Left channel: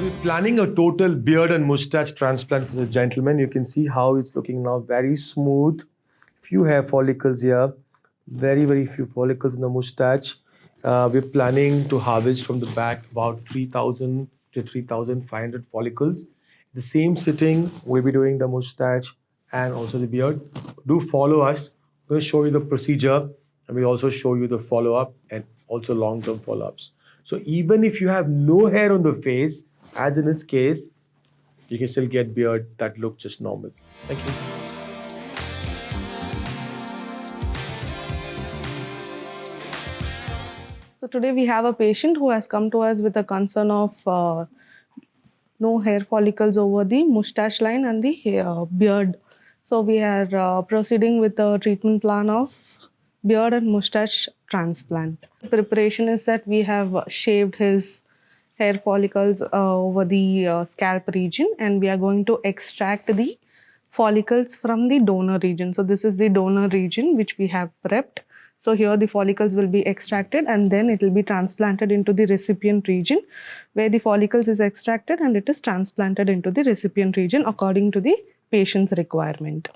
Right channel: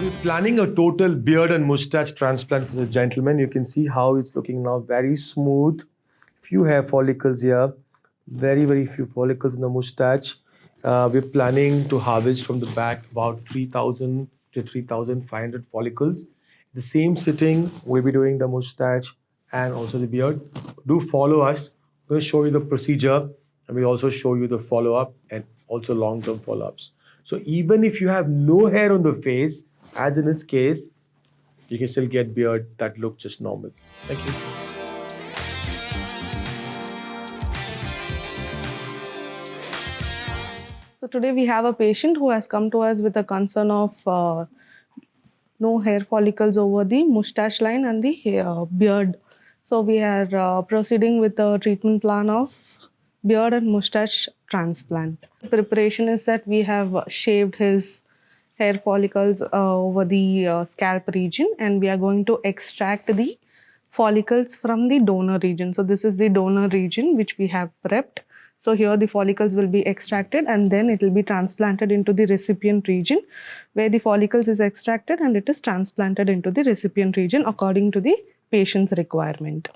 We're planning a total beard and mustache transplant for the gentleman. You can see how it's looking now, very smooth. Few hair follicles here, very few follicles in the mustache. We're planning to harvest from the back about 3,000 to 3,500 follicles. The same sitting, we'll be doing the mustache and also the beard. Do follow us. We'll show you the procedure and we'll also show you the follow-up and also long-term follow-ups. So even if you have no hair on the face, as in this case, you can still get beard that look just normal. Thank you. So today we have a patient who has come to us with a concern of no hair follicles over the mustache line and the beard. So we are proceeding with the treatment plan of beard and mustache transplant. The preparation is that we have shaved his hair follicles over the scalp region, and we are going to extract the follicles from the donor region. So this is the donor region which we have prepped. So here the follicles will be extracted and then it will be transplanted into the recipient region, where the follicles is extracted and it is transplanted into the recipient region according to the patient's requirement.